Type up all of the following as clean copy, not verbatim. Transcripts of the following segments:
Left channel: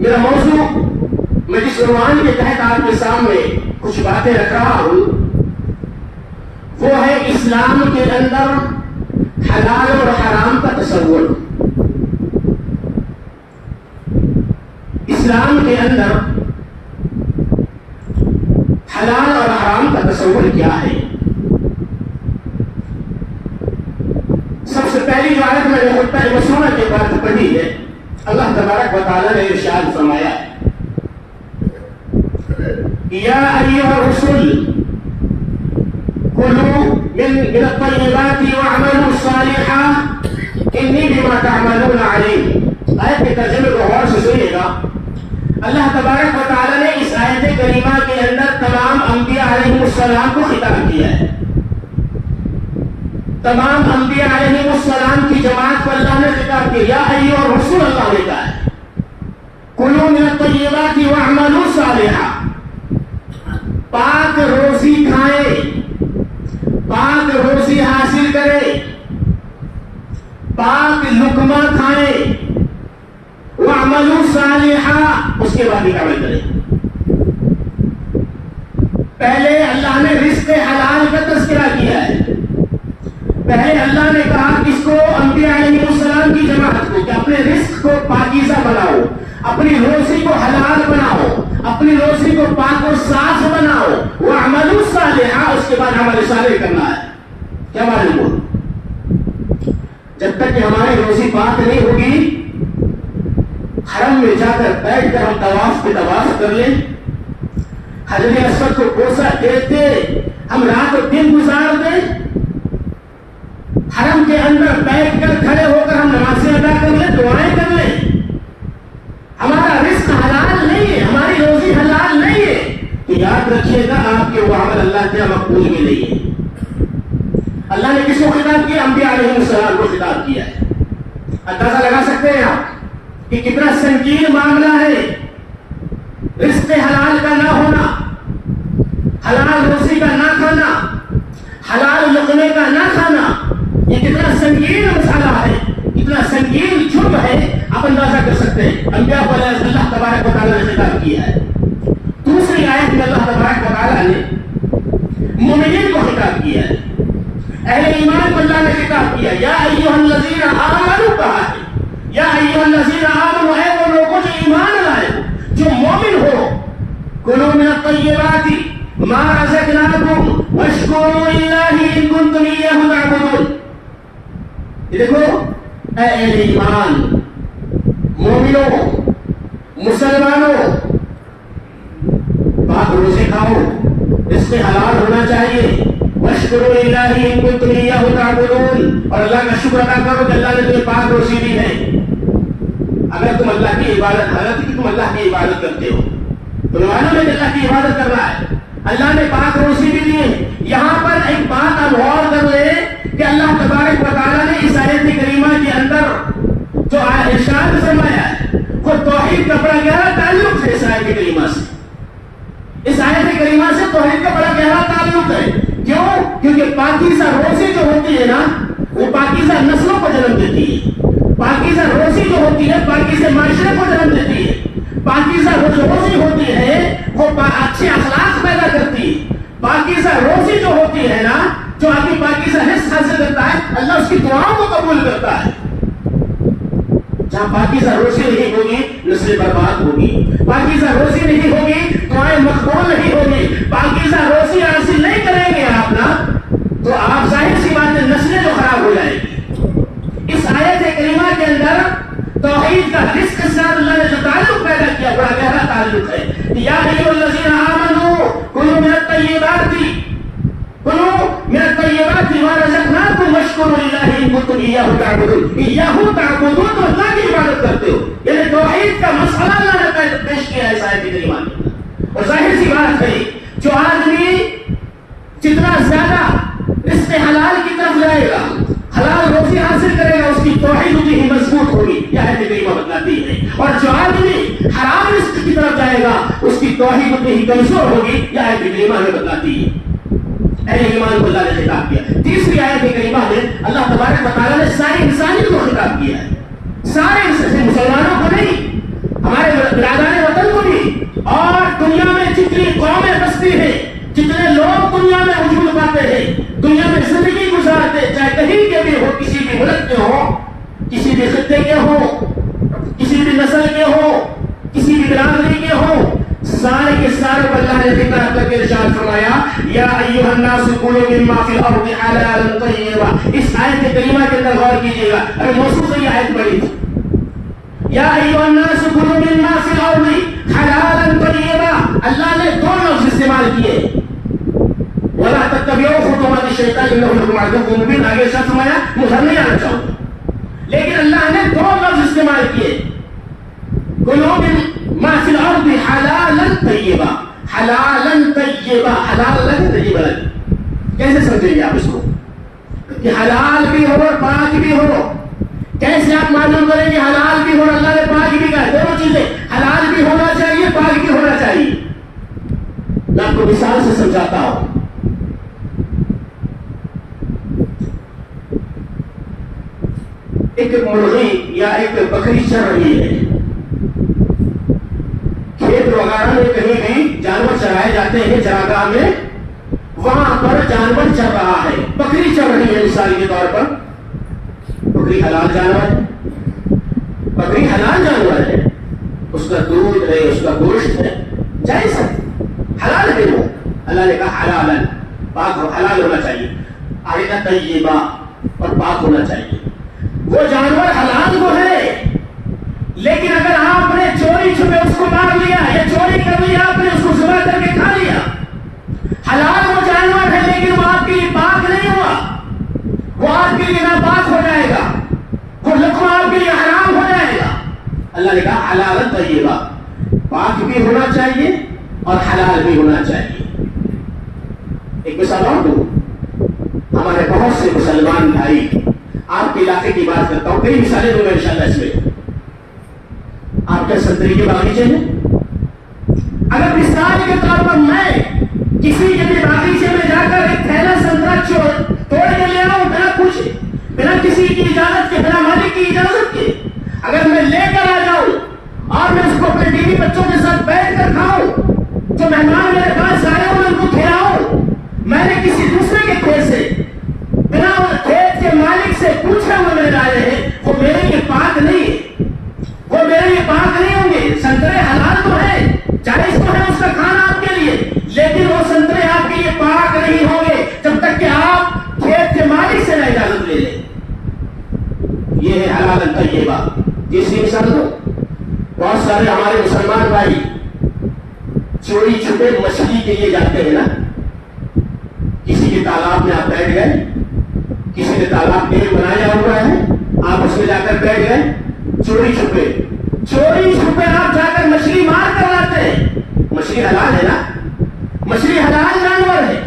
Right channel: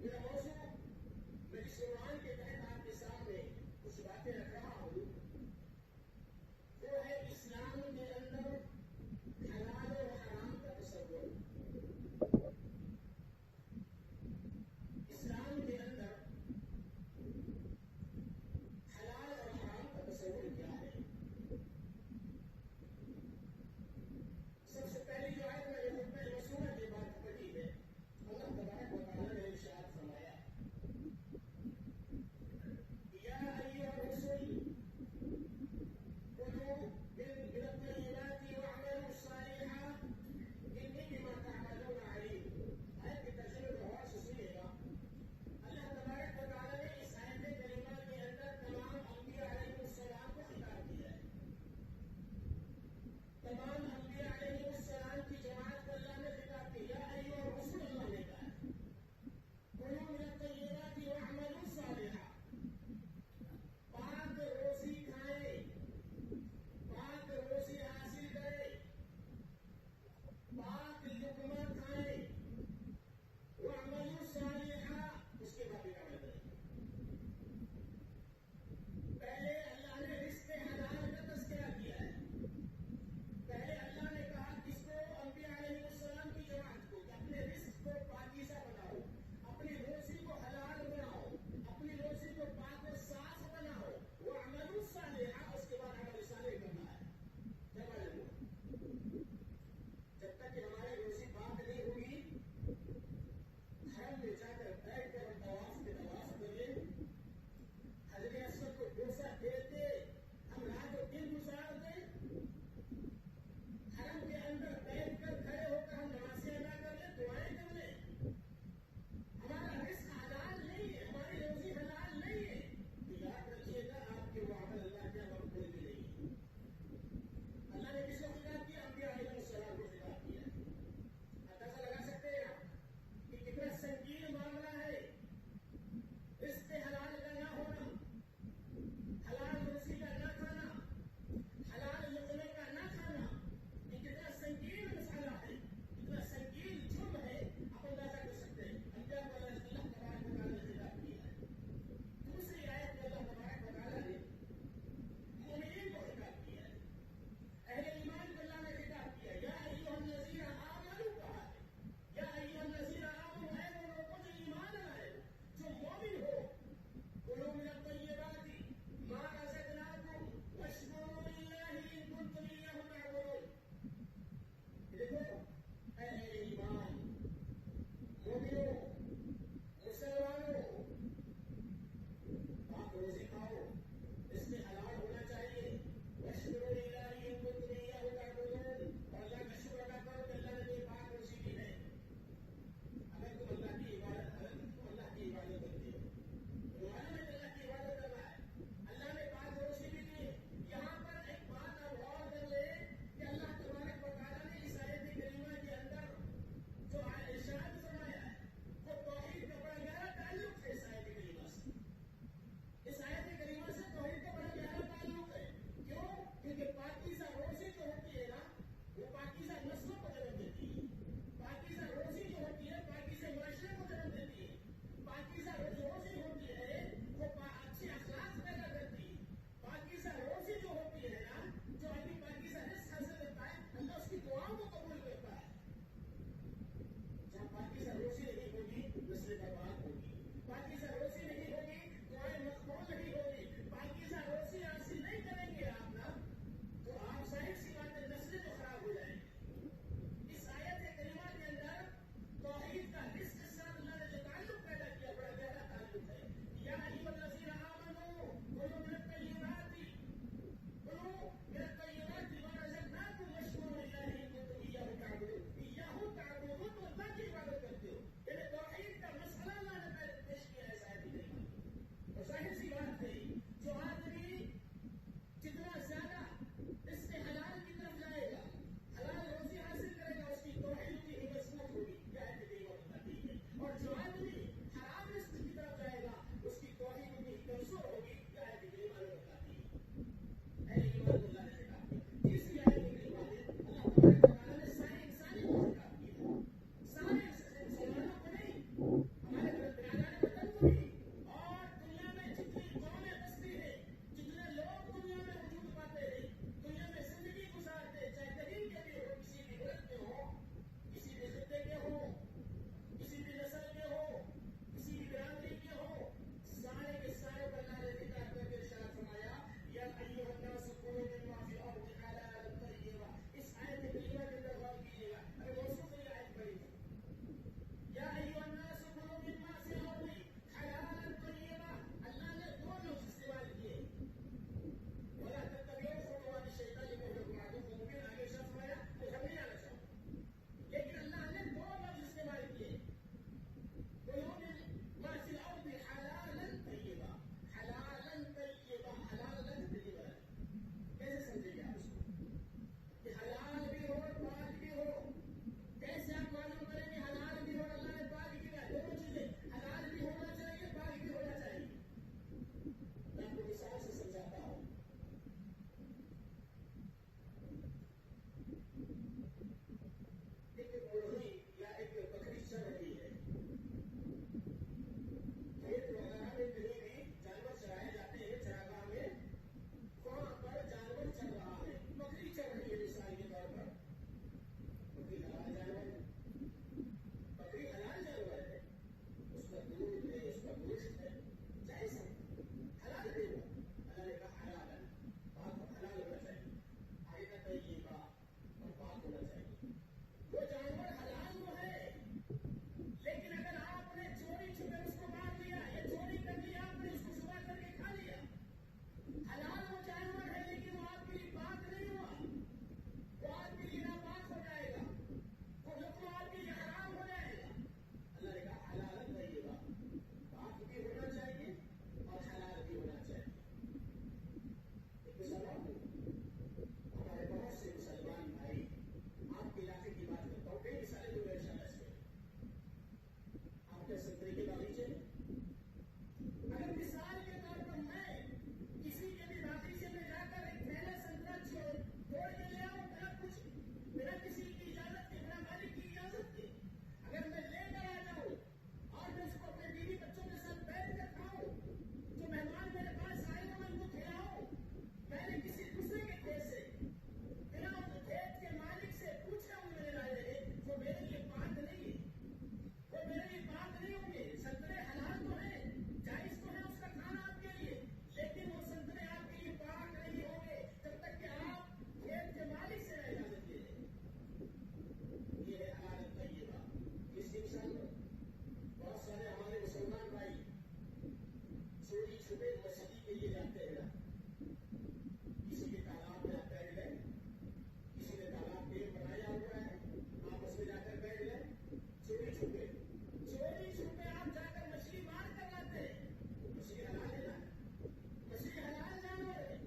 میرا موضوع میں جس عنوان کے تحت آپ کے سامنے کچھ باتیں رکھ رہا ہوں وہ ہے اسلام کے اندر حلال اور حرام کا تصور. اسلام کے اندر حلال اور حرام کا تصور کیا ہے؟ سب سے پہلی جو آیت میں نے خطبہ مسونہ کے بعد پڑھی ہے، اللہ تبارک و تعالی نے ارشاد فرمایا یا ایھا الرسل کلوا من الطیبات واعملوا صالحا انی بما تعملون علیم. آیت کے ترجمے کو غور سے سنیے گا. اللہ تبارک و تعالی نے اس آیت کریمہ کے اندر تمام انبیاء علیہ السلام کو خطاب کیا ہے. تمام انبیاء علیہ السلام کی جماعت کو اللہ نے خطاب کیا. یا ایھا الرسل اللہ نے کہا ہے کلوا من الطیبات واعملوا صالحا. پاک روزی کھائیں، پاک روزی حاصل کریں، پاک لقمہ کھائیں، وَاعْمَلُوا صَالِحًا اس کے بعد ہی عمل کریں. پہلے اللہ نے رزق حلال کا تذکرہ کیا ہے. پہلے اللہ نے کہا کس کو؟ انبیاء علیہ السلام کی جماعت کو کہ اپنے رزق کو پاکیزہ بناؤ، اپنی روزی کو حلال بناؤ، اپنی روزی کو پاک اور صاف بناؤ. وَاعْمَلُوا صَالِحًا اس کے بعد عمل صالح کرنا ہے. کیا معلوم ہو؟ جب تک کہ ہماری روزی پاک نہیں ہوگی، حرم میں جا کر بیٹھ کر ہم طواف پہ طواف کر لیں، حجر اسود کو بوسہ دیتے ہم رات اور دن گزار دیں، حرم کے اندر بیٹھ کر کھڑے ہو کر ہم نمازیں ادا کر لیں، دعائیں کر لیں، ہمارا رزق حلال نہیں ہے، ہماری روزی حلال نہیں ہے، تو یاد رکھیے گا آپ کے وہ عمل اللہ کے مقبول بھی نہیں ہے. اللہ نے کس کو خطاب کیا؟ انبیاء علیہ السلام کو خطاب کیا ہے. اندازہ لگا سکتے ہیں آپ کہ کتنا سنگین معاملہ ہے رزق حلال کا نہ ہونا، حلال روزی کا نہ کھانا، حلال لقمے کا نہ کھانا. یہ کتنا سنگین مسئلہ ہے، کتنا سنگین جرم ہے، آپ اندازہ کر سکتے ہیں. انبیاء کو اللہ تبارک و تعالیٰ نے خطاب کیا ہے. دوسری آیت میں اللہ تبارک و تعالیٰ نے مومنین کو خطاب کیا ہے، اہل ایمان کو اللہ نے خطاب کیا. یا ایھا الذین آمنوا کہا ہے. یا ایھا الذین آمنوا اے وہ لوگوں جو ایمان لائے ہو، جو مومن ہو، کلوا من الطیبات ما رزقناکم واشکروا للہ ان کنتم ایاہ تعبدون. یہ دیکھو اے اہل ایمان، مومنوں، مسلمانوں، پاک روزے کھاؤ، رزق حلال ہونا چاہیے. واشکروا للہ ان کنتم ایاہ تعبدون اور اللہ کا شکر ادا کرو کہ اللہ نے تمہیں پاک روزی دی ہے. اگر تم اللہ کی عبادت، حالت کہ تم اللہ کی عبادت کرتے ہو، تمہیں معلوم ہے کہ اللہ کی عبادت کرنا ہے، اللہ نے پاک روزی بھی دی ہے. یہاں پر ایک بات آپ غور کر لیں کہ اللہ تبارک و تعالیٰ نے اس آیت کریمہ کے اندر جو ارشاد فرمایا ہے وہ توحید کا بڑا گہرا تعلق ہے. اس آیت کریمہ سے، اس آیت کریمہ سے توحید کا بڑا گہرا تعلق ہے. کیوں؟ کیونکہ پاکیزہ روزی جو ہوتی ہے نا، وہ پاکیزہ نسلوں کو جنم دیتی ہے. پاکیزہ روزی جو ہوتی ہے پاکیزہ معاشرے کو جنم دیتی ہے. پاکیزہ روزی ہوتی ہے وہ اچھے اخلاق پیدا کرتی ہے. پاکیزہ روزی جو ہوتی ہے نا، جو آدمی پاکیزہ رزق حاصل کرتا ہے، اللہ اس کی دعاؤں کو قبول کرتا ہے. جہاں پاکیزہ روزی نہیں ہوگی نسل برباد ہوگی. پاکیزہ روزی نہیں ہوگی دعائیں مقبول نہیں ہوگی. پاکیزہ روزی حاصل نہیں کریں گے آپ نا، تو آپ ظاہر سی بات ہے نسلیں جو خراب ہو جائیں گی. اس آیت کریمہ کے اندر توحید کا رزق کے ساتھ اللہ نے جو تعلق پیدا کیا بڑا گہرا تعلق ہے. یا ایھا الذین آمنوا کلوا من الطیبات ما رزقناکم واشکروا للہ ان کنتم ایاہ تعبدون. ایاہ تعبدون تو اللہ کی عبادت کرتے ہو، یعنی توحید کا مسئلہ اللہ نے پیش کیا ہے اس آیت کریمہ میں. اور ظاہر سی بات ہے جو آدمی جتنا زیادہ رزق حلال کی طرف جائے گا، حلال روزی حاصل کرے گا، اس کی توحید اتنی ہی مضبوط ہوگی. یہ آیت کریمہ بتلاتی ہے. اور جو آدمی حرام رزق کی طرف جائے گا اس کی توحید اتنی ہی کمزور ہوگی. یہ آیت کریمہ ہمیں بتلاتی ہے. اہل ایمان کو اللہ نے خطاب کیا. تیسری آیت کریمہ میں اللہ تبارک و تعالیٰ نے ساری انسانیت کو خطاب کیا ہے. سارے مسلمانوں کو نہیں، ہمارے ایھا الناس کلوا مما فی الارض حلالا طیبا. اس آیت کریمہ کے اندر غور کیجیے گا. ابھی موصول سے یہ آیت پڑھی تھی, یا ایھا الناس کلوا مما فی الارض حلالا طیبا. اللہ نے دو لفظ استعمال کیے, ولا تتبعوا خطوات الشیطان انہ لکم عدو مبین. آگے شاہ فرمایا مجھے نہیں آنا چاہوں, لیکن اللہ نے دو لفظ استعمال کیے, کلوا مما فی الارض حلالا طیبا. حلالا طیبا, حلال الگ طیب الگ. کیسے سمجھیں گے آپ اس کو کہ حلال بھی ہو اور پاک بھی ہو؟ کیسے آپ معلوم کریں گے حلال بھی ہو اور اللہ نے پاک بھی کہا؟ دونوں چیزیں, حلال بھی ہونا چاہیے, پاک بھی ہونا چاہیے. میں آپ کو مثال سے سمجھاتا ہوں. ایک مرغی یا ایک بکری چر رہی ہے, کھیت وغیرہ میں کہیں بھی جانور چرائے جاتے ہیں چراگاہ میں, وہاں پر جانور چر رہا ہے, بکری چر رہی ہے مثال کے طور پر. بکری حلال جانور ہے, بکری حلال جانور ہے, اس کا دودھ ہے, اس کا گوشت ہے, جائز ہے, حلال ہے وہ. اللہ نے کہا حلال, پاک حلال ہونا چاہیے. آئینہ طیبہ, اور پاک ہونا چاہیے. وہ جانور حلال کو ہے, لیکن اگر آپ نے چوری چھپے اس کو مار لیا یا چوری کر لیا, آپ نے اس کو ذبح کر کے کھا لیا, حلال وہ جانور ہے لیکن وہ آپ کے لیے پاک نہیں ہوا, وہ آپ کے لیے ناپاک ہو جائے گا, وہ لقمہ آپ کے لیے حرام ہو جائے گا. اللہ نے کہا حلال طیبہ, پاک بھی ہونا چاہیے اور حلال بھی ہونا چاہیے. ایک مثال اور دوں, ہمارے بہت سے مسلمان بھائی, آپ کے علاقے کی بات کرتا ہوں, کئی مثالیں دوں گا انشاءاللہ اس میں. آپ کے سنتری کے باغیچے میں, اگر مثال کے طور پر میں کسی کے بھی باغیچے میں جا کر ایک تھیلا سنترا توڑ کے لے آؤں بنا پوچھے, بنا کسی کی اجازت کے, بنا مالک کی اجازت کے, اگر میں لے کر آ جاؤں اور میں اس کو اپنے بیوی بچوں کے ساتھ بیٹھ کر کھاؤں, جو مہمان میرے پاس آئے ہوں میں ان کو کھلاؤں, میں نے کسی دوسرے کے کھیت سے, بنا کھیت کے مالک سے پوچھے ہوئے میرے لائے ہیں, وہ میرے لیے پاک نہیں ہے, وہ میرے لیے پاک نہیں ہوں گے. سنترے حلال تو ہے, جائز تو ہے اس کا کھانا آپ کے لیے, لیکن وہ سنترے آپ کے لیے پاک نہیں ہوں گے جب تک کہ آپ کھیت کے مالک سے نہ اجازت لے لیں. یہ ہے حلال طیبہ. تیسری مثال دو, بہت سارے ہمارے مسلمان بھائی چوری چھپے مچھلی کے لیے جاتے ہیں نا, کسی کے تالاب میں آپ بیٹھ گئے, کسی نے تالاب ڈیم بنایا ہوا ہے, آپ اس میں جا کر بیٹھ گئے, چوری چھپے آپ جا کر مچھلی مار کر لاتے ہیں. مچھلی حلال ہے نا, مچھلی حلال جانور ہے,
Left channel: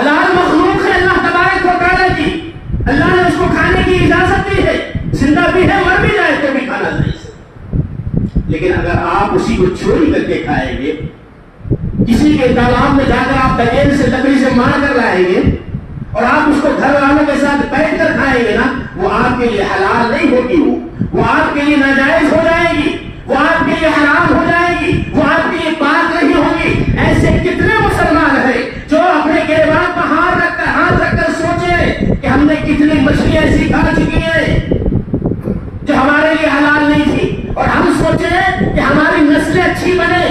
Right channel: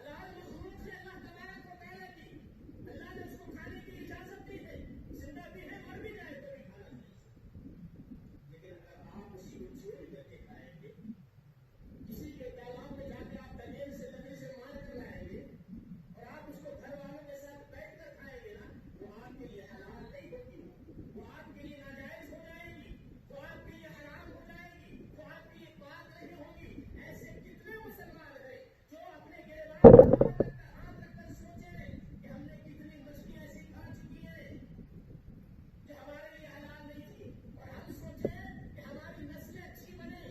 حلال مخلوق ہے اللہ تبارک و تعالیٰ کی. اللہ نے اس کو کھانے کی اجازت دی ہے, زندہ بھی ہے مر بھی جائے تو بھی کھانا نہیں. لیکن اگر آپ اسی کو چوری کر کے کھائیں گے, کسی کے تالاب میں جا کر آپ دلیل سے لکڑی سے مار کر لائیں گے اور آپ اس کو گھر والوں کے ساتھ بیٹھ کر کھائیں گے نا, وہ آپ کے لیے حلال نہیں ہوگی, وہ آپ کے لیے ناجائز ہو جائے گی, وہ آپ کے لیے حرام ہو جائے گی, وہ آپ کے لیے پاک نہیں ہوگی. ایسے کتنے مسلمان ہیں جو اپنے گریبان پر ہاتھ رکھ کر سوچے کہ ہم نے کتنی مچھلی ایسی کھا چکی ہیں جو ہمارے لیے حلال نہیں تھی, اور ہم سوچے کہ ہماری نسلیں اچھی بنے,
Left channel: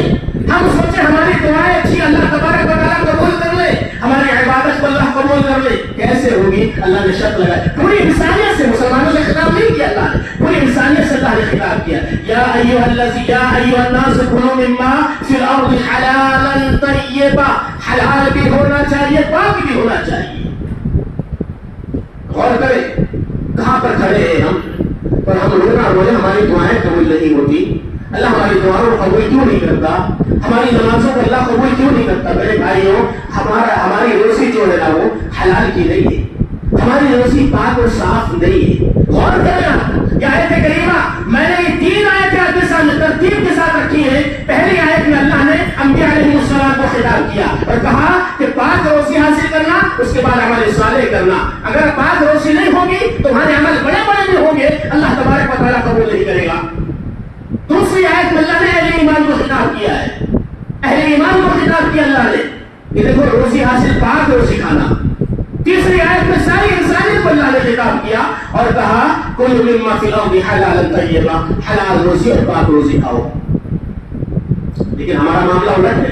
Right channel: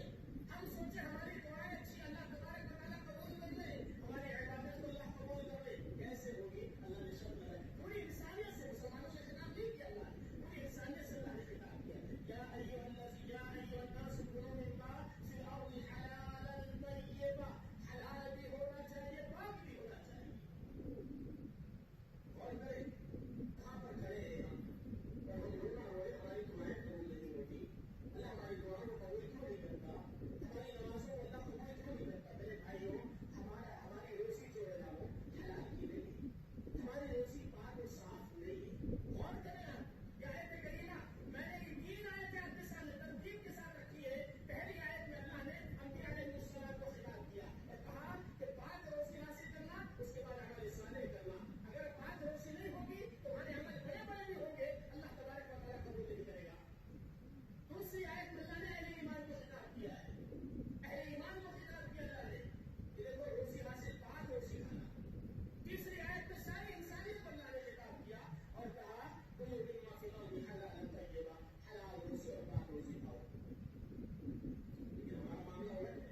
ہم سوچے ہماری دعائیں اچھی اللہ تبارک و تعالیٰ قبول کر لے, ہماری عبادت کو اللہ قبول کر لے. کیسے ہوگی؟ اللہ نے شرط لگائی. پوری انسانیت سے مسلمانوں سے خطاب نہیں کیا اللہ نے, پوری انسانیت سے اللہ نے خطاب کیا. یا ایھا الناس کلوا مما فی الارض حلالا طیبا, حلال بھی ہونا چاہیے, پاک بھی ہونا چاہیے. غور کریں کہاں پر کھڑے ہیں ہم, پر ہم رونا روئے, ہماری دعائیں قبول نہیں ہوتی. اللہ ہماری دعاؤں کو قبول کیوں نہیں کرتا, ہماری نمازوں کو اللہ قبول کیوں نہیں کرتا؟ میرے بھائیوں, ہماری روزی جو ہے نا وہ حلال کی نہیں ہے, ہماری روزی پاک اور صاف نہیں ہے. غور کرنا کہ آیت کریمہ میں نے یہ 3 آیتیں آپ کے سامنے ترتیب کے ساتھ رکھی ہیں. پہلی آیت میں اللہ نے انبیاء علیہ السلام کو خطاب کیا اور کہا کہ پاک روزی حاصل کرنا, اس کے بعد عمل صالح کرنا. اگر پاک روزی نہیں ہوگی تو ہمارے عمل بڑے بڑے بھی ہوں گے, اللہ تبارک و تعالیٰ قبول نہیں کرے گا. دوسری آیت میں اللہ نے اہل ایمان کو خطاب کیا ہے, اہل ایمان کو خطاب کیا اللہ نے کہ دیکھو روزی حاصل, پاک روزی کھانا. تیسری آیت میں ساری انسانیت کو اللہ نے خطاب کیا اور کہا کلوا مما فی الارض حلالا طیبا, حلال روزی اور پاک روزی کھاؤ. لیکن ہمارا معاملہ الٹ ہے,